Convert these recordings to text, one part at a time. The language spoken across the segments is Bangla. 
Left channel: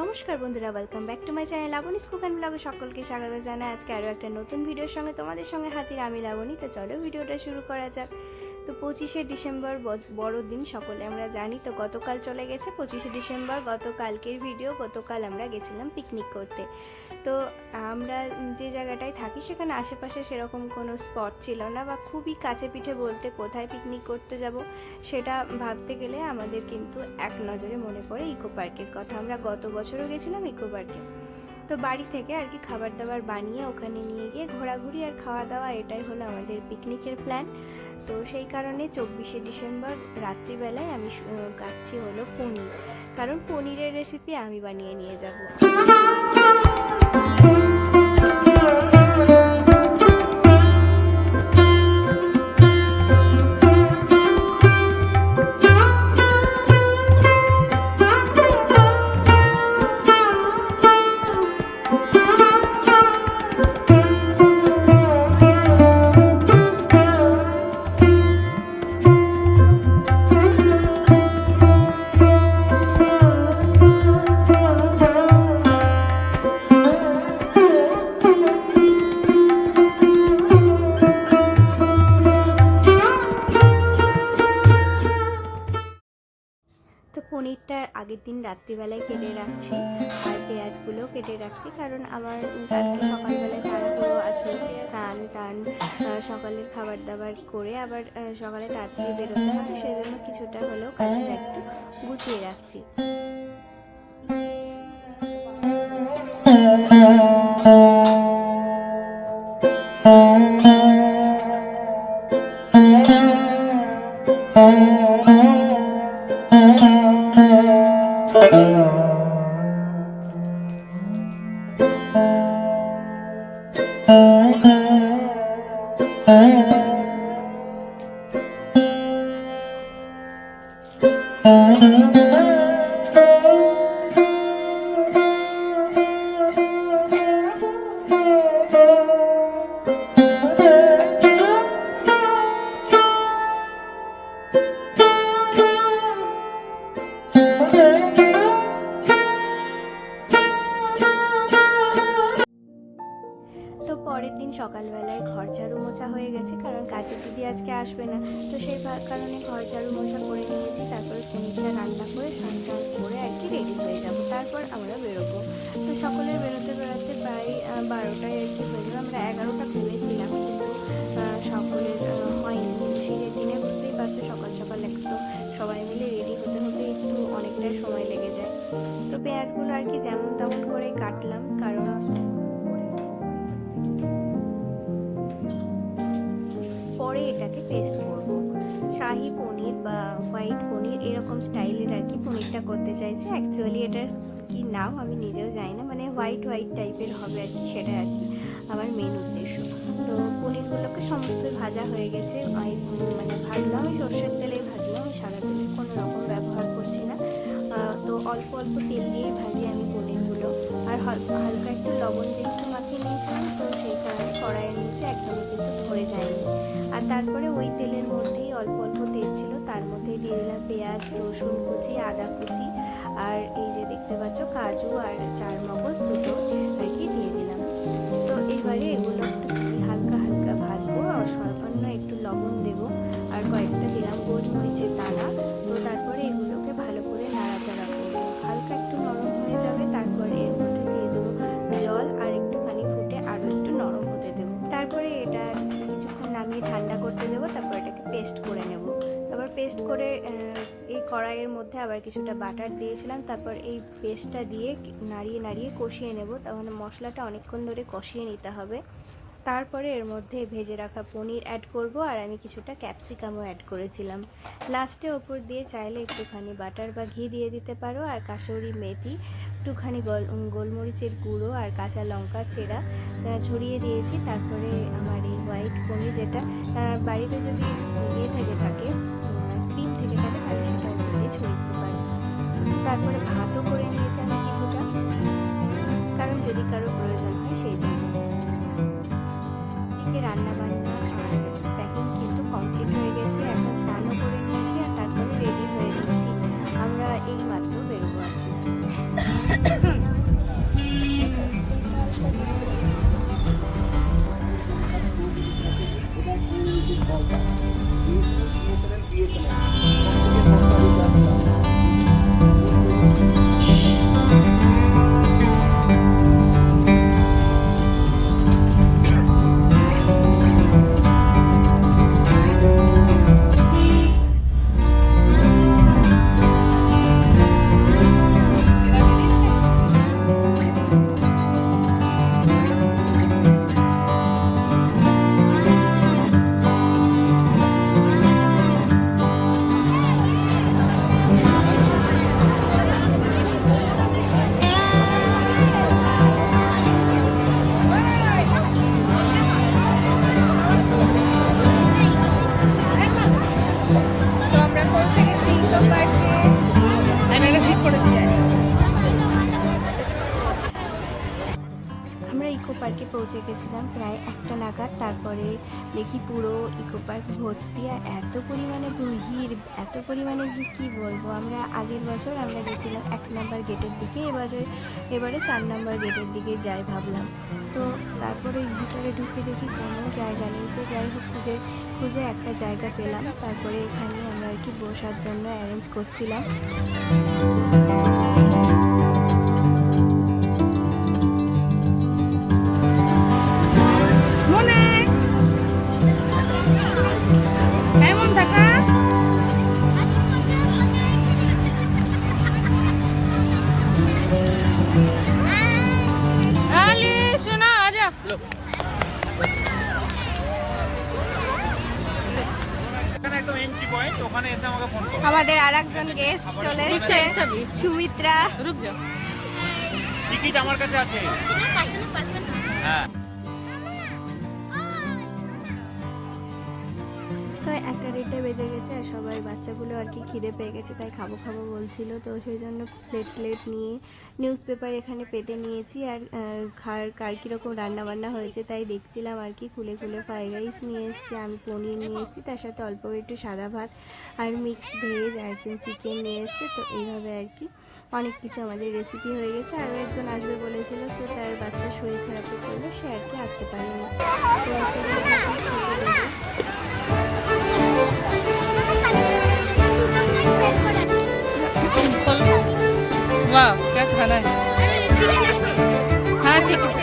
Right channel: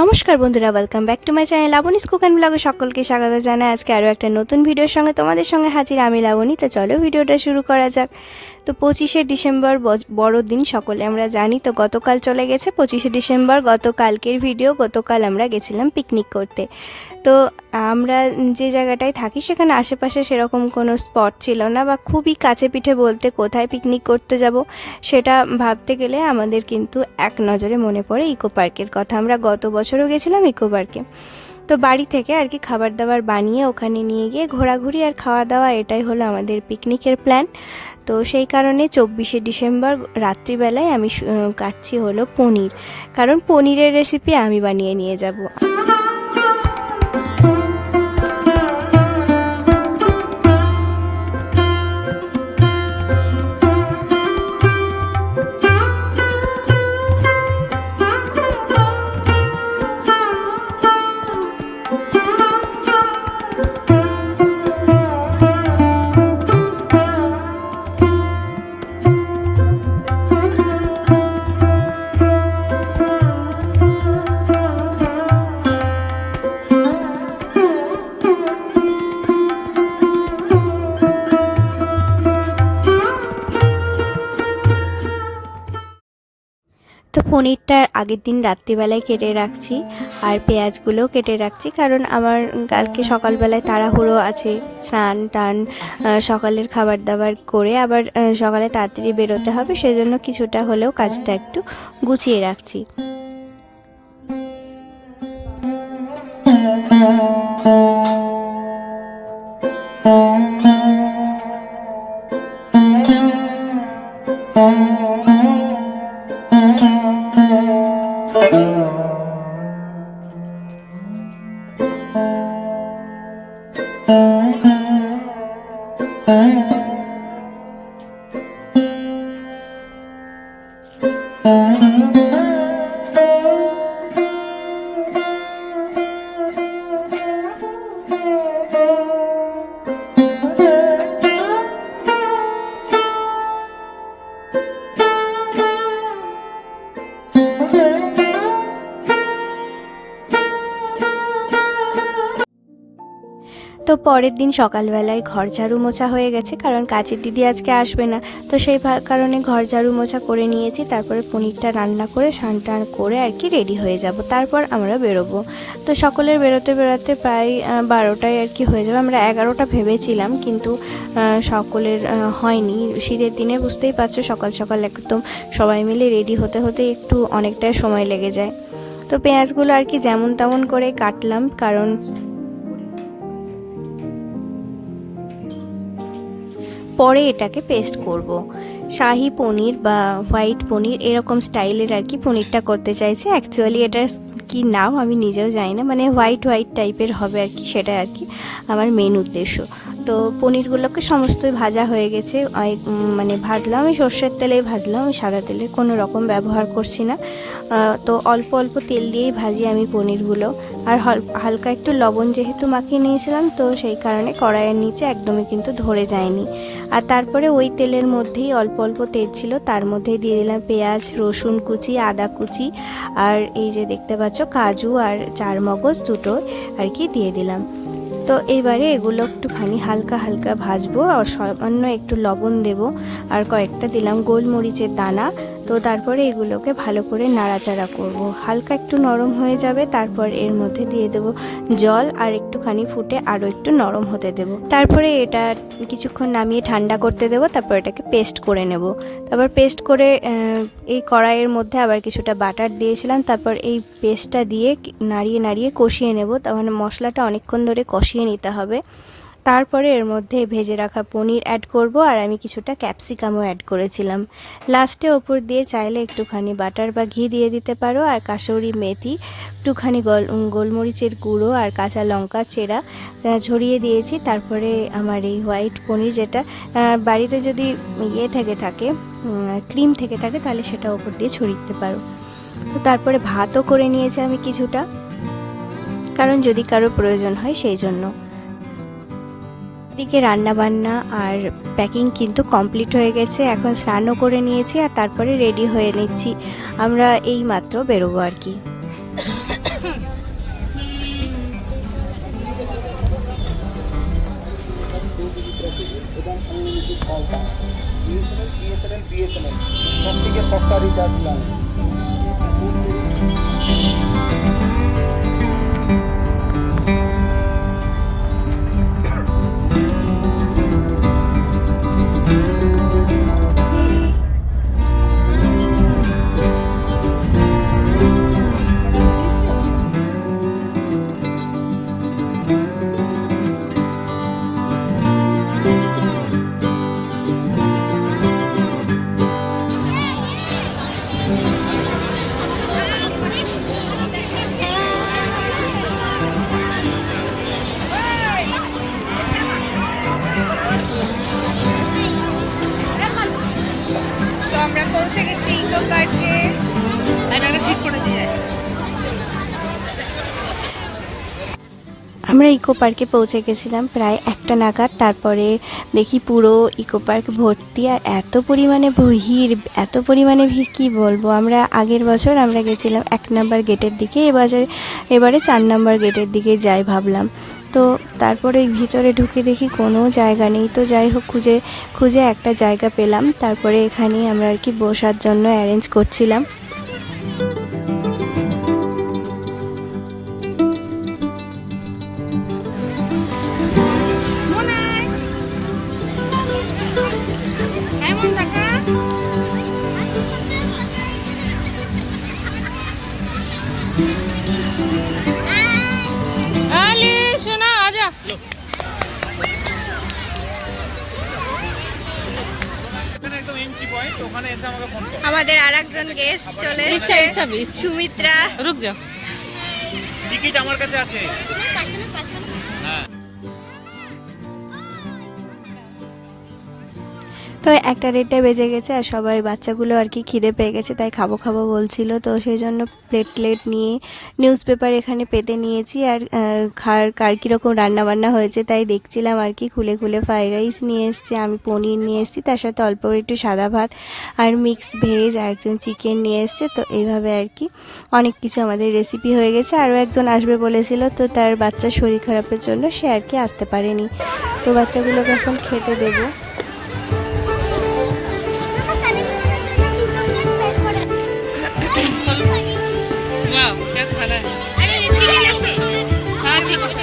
নমস্কার বন্ধুরা, welcome back to my channel Labani's cook and ব্লগে সকলকে স্বাগত জানাই। আজকে আরও একটা নতুন ভিডিওর সঙ্গে তোমাদের সঙ্গে হাজির আমি লাবণী। তো চলো ভিডিওটা শুরু করা যাক। তো 25শে ডিসেম্বর বড়দিন, সকলে আমরা জানি। তো গতকাল চলে গেছে 25শে ডিসেম্বর, গতকালকের ভিডিও। গতকাল আমরা গেছিলাম পিকনিক করতে। তো আমরা যে জায়গাটায় থাকি সেখানে আশেপাশে সেরকম কোনো স্পট ছিল না, বা খুবই কাছে পিঠে বলতে কোথায় পিকনিক করতে যাব সেটা ভাবতে গেলে আমাদের কিন্তু এক নজরে মনে পড়ে ইকো পার্কের কথা। আমরা গত বছরও গেছিলাম ইকো পার্কে। তো বাড়ি থেকে আর কি খাবার দাবার বানিয়ে ওখানে নিয়ে গিয়ে ঘোরাঘুরি আর খাওয়া দাওয়া, এটাই হলো আমাদের পিকনিকের প্ল্যান। তো সেই কারণে 24শে ডিসেম্বর রাত্রিবেলায় আমি কাটছি হলো পনির, কারণ পনিরের রেসিপি আমি বানিয়ে নিয়ে যাব। তো পনিরটা আগের দিন রাত্রিবেলায় কেটে রাখছি, আর পেঁয়াজগুলোও কেটে রাখছি, কারণ আমার কালকে সকালবেলায় তাড়াহুড়ো আছে। স্নান টান সকালের খাবার দাবার করে আবার সকালে তাড়াতাড়ি বেরোতে হবে, সেজন্য কিছুটা হলেও কাজটা একটু গুছিয়ে রাখছি। তো পরের দিন সকালবেলায় ঘর ঝাড়ু মোছা হয়ে গেছে, কারণ কাজের দিদি আজকে আসবে না। তো সেই কারণে ঘর ঝাড়ু মোছা করে নিয়েছি। তারপরে পনিরটা রান্না করে স্নান টান করে আর কি রেডি হয়ে যাব, তারপর আমরা বেরোবো। তো সকলের বেরোতে বেরোতে প্রায় 12টায় আর কি হয়ে যাবে। আমরা 11টা ভেবেছিলাম, কিন্তু সকলের হয়নি। শীতের দিনে বুঝতেই পারছো, সকাল সকাল একদম সবাই মিলে রেডি হতে হতে একটু অনেকটাই সময় লেগে যায়। তো পেঁয়াজগুলো আর কি যেমন তেমন করে কাটলাম, কারণ পরে এটাকে পেস্ট করব। শাহি পনির বা হোয়াইট পনির এরকম স্টাইলের আর কি পনিরটা করতে চাইছে। অ্যাকচুয়ালি এটার কি নাম আমি নিজেও জানি না, মানে হোয়াইট হোয়াইট টাইপের হবে আর কি, সেটা আর কি আমার মেন উদ্দেশ্য। তো পনিরগুলোকে সমস্তই ভাজা হয়ে গেছে, মানে ভাজলাম, আমি সর্ষের তেলেই ভাজলাম, আমি সাদা তেলের কোনো রকম ব্যবহার করছি না। তো অল্প অল্প তেল দিয়েই ভাজি আমি পনিরগুলো। আর হালকা একটু লবণ যেহেতু মাখিয়ে নিয়েছিলাম, তো সেই কারণে কড়াইয়ের নিচে একদমই কিন্তু ধরে যায়নি। আর তারপরে ওই তেলের মধ্যেই অল্প অল্প তেল ছিল, তার মধ্যেই দিয়ে দিলাম পেঁয়াজ, রসুন কুচি, আদা কুচি, আর এই যে দেখতে পাচ্ছ কাজু আর চারমগজ দুটো আর কি দিয়ে দিলাম। তো এইবারে এগুলো একটুখানি হালকা হালকা ভাজবো, আর সামান্য একটু লবণ দেব, আর কয়েকটা দিলাম গোলমরিচের দানা। তো তারপরে এগুলোকে ভালো করে নাড়াচাড়া করব, হালকা একটু নরম হয়ে যাবে। তারপর এর মধ্যে দিয়ে দেব জল, আর একটুখানি ফুটে আরও একটু নরম হতে দেব। তারপরে এটা কিছুক্ষণ নামিয়ে ঠান্ডা করতে দেব, তারপর এটাকে পেস্ট করে নেব। তারপর পেস্ট করে এই কড়াইয়ের মধ্যে আবার কিছুটা বাটার দিয়েছিলাম, তারপর এই পেস্টটা দিয়ে নাড়িয়ে নাড়িয়ে কষিয়ে নেব। তার মানে মশলাটা অনেকক্ষণ ধরে কষিয়ে নিতে হবে। তারপরে এর মধ্যে ভেজে রাখা পনির অ্যাড করব, আর আমি কিছুটা ক্যাপসিকামও অ্যাড করেছিলাম। লাস্টে ওপর দিয়ে চাইলে একটুখানি বাটার বা ঘি দিয়ে দিতে পারো, আর কাসুরি মেথি, একটুখানি গোলমরিচের গুঁড়ো আর কাঁচা লঙ্কা চেরা ছড়িয়ে দিয়েছি। তারপরে আমার এই হোয়াইট পনির, যেটা বাড়িতে যদি থেকে থাকে ক্রিম থেকে থাকে, তাহলে সেটা ওপর দিয়ে ছড়িয়ে দিতে পারো। তো তারপরে ভাতও করে নিয়েছি আমি কিছুটা, কারণ যদি কারো প্রয়োজন হয় সেই জন্য। দিকে রান্না বান্না আর প্যাকিং কিন্তু কমপ্লিট হয়ে গেছে। এখন স্নানও করে নিয়েছি, আর তারপরে রেডি হয়ে নিচ্ছি। আমরা এই মাত্র বেরোবো আর কি। এবং আনলিমিটেড কল পাওয়া। বিএসএনএল সব থেকে সস্তা রিচার্জ প্ল্যান। তো আমরা পৌঁছে গেছি ইকো পার্কে। আমরা ইকো পার্কে পৌঁছে গেছিলাম প্রায় 1টা নাগাদ। তারপরে দেখি পুরো ইকো পার্ক ভর্তি, আর এত পরিমাণে ভিড় কি বলবো। আমরা আগের বছর আমরা গেছিলাম 1 নম্বর গেটের দিকে, এবারে 4 নম্বর গেটের দিকে যাই ভাবলাম। তো তারপরে ভিতরে ঢুকে দেখি কোনো জায়গা নেই। তো যাই হোক খুঁজে একটা জায়গা পেলাম। তারপরে এখানেই আমরা আর কি বসার জন্য অ্যারেঞ্জ করছিলাম। আমাদের আরেকজন গেস্ট চলে এসেছে, সুমিত্রা। রুক যাও, টিকিট আমার কাছে আছে। তো 1টা বেজে গেছে, আর সবাই বাচ্চাগুলো আর কি খিদে পেয়ে গেছে, তাই খাবো বলছিল। তো সেই জন্য প্লেট নিয়ে নিউজ পেপার এখানে পেতে নিয়েছি। আর কার কীরকম রান্নাবান্না হয়েছে তাই দেখছিলাম আর কি। খুলে ফ্রাইড রাইস নিয়ে এসছে, আমি পনির নিয়ে এসেছি, তার সাথে অল্প একটু সাদা ভাত আর মিক্স ভেজ, আর একজন চিকেন নিয়ে এসছে। তো এইভাবে আর কি অনেক কিছু আমাদের রেসিপি হয়ে গেছে। আরও একজন আসবে বলেছিল, তো তার বাচ্চার শরীর খারাপের জন্য সে আর কি আসতে পারেনি। তো বাচ্চাগুলোকে এখন খেতে দেবো। वाह क्या खाना है। हाँ ठीक है।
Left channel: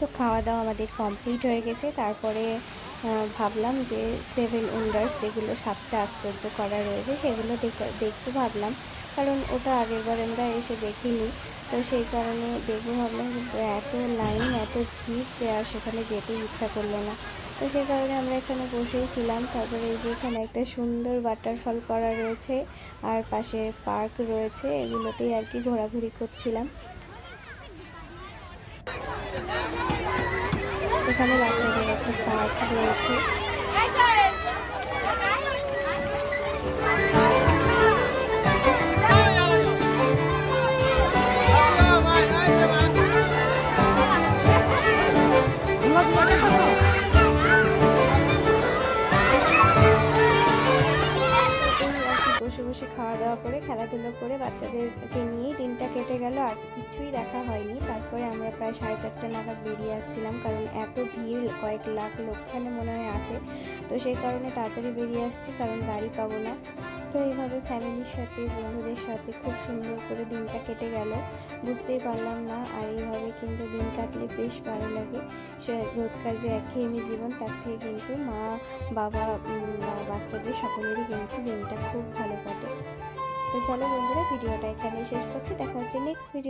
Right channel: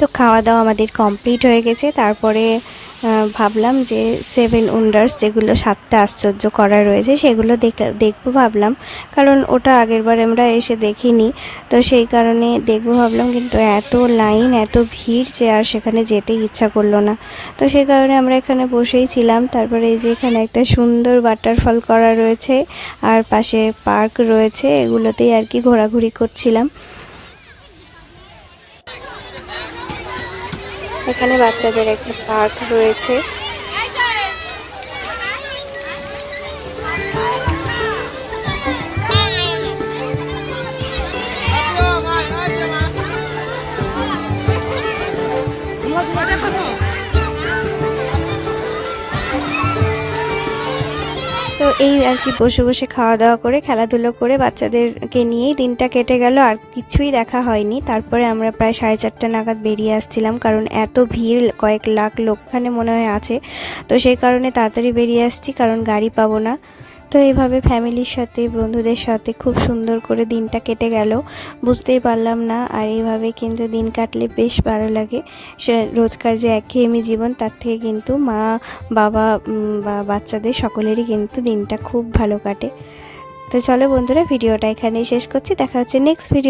তো খাওয়া দাওয়া আমাদের কমপ্লিট হয়ে গেছে। তারপরে ভাবলাম যে 7 ওয়ান্ডার্স, যেগুলো 7টা আশ্চর্য করা রয়েছে, সেগুলো দেখবো ভাবলাম, কারণ ওটা আগেরবার আমরা এসে দেখিনি। তো সেই কারণে দেখবো ভাবলাম, কিন্তু এত লাইন, এত ভিড় যে আর সেখানে যেতে ইচ্ছা করলো না। তো সেই কারণে আমরা এখানে বসেই ছিলাম। তারপরে এই যে এখানে একটা সুন্দর ওয়াটারফল করা রয়েছে, আর পাশে পার্ক রয়েছে, এগুলোতেই আর কি ঘোরাঘুরি করছিলাম। এখানে বাচ্চাদের একটা পার্ক রয়েছে। এই আর কি বসে খাওয়া দাওয়া করে খেলাধুলো করে বাচ্চাদেরকে নিয়েই দিনটা কেটে গেল, আর কিছুই দেখা হয়নি। তারপরে আমরা প্রায় 4:30 নাগাদ বেরিয়ে আসছিলাম, কারণ এত ভিড়, কয়েক লাখ লোক এখানে মনে হয় আছে। তো সেই কারণে তাড়াতাড়ি বেরিয়ে আসছি, কারণ গাড়ি পাবো না। তো এইভাবে ফ্যামিলির সাথে বন্ধুদের সাথে খুব সুন্দর করে দিনটা কেটে গেল, বুঝতেই পারলাম না। আর এইভাবে কিন্তু দিন কাটলে বেশ ভালো লাগে। রোজকার যে একঘেয়েমি জীবন, তার থেকে কিন্তু মা বাবা বা বাচ্চাদের সকলেরই কিন্তু দিনটা খুব ভালো কাটে। তো চলো বন্ধুরা, ভিডিওটা এখানেই শেষ করছি। দেখা হচ্ছে নেক্সট ভিডিও।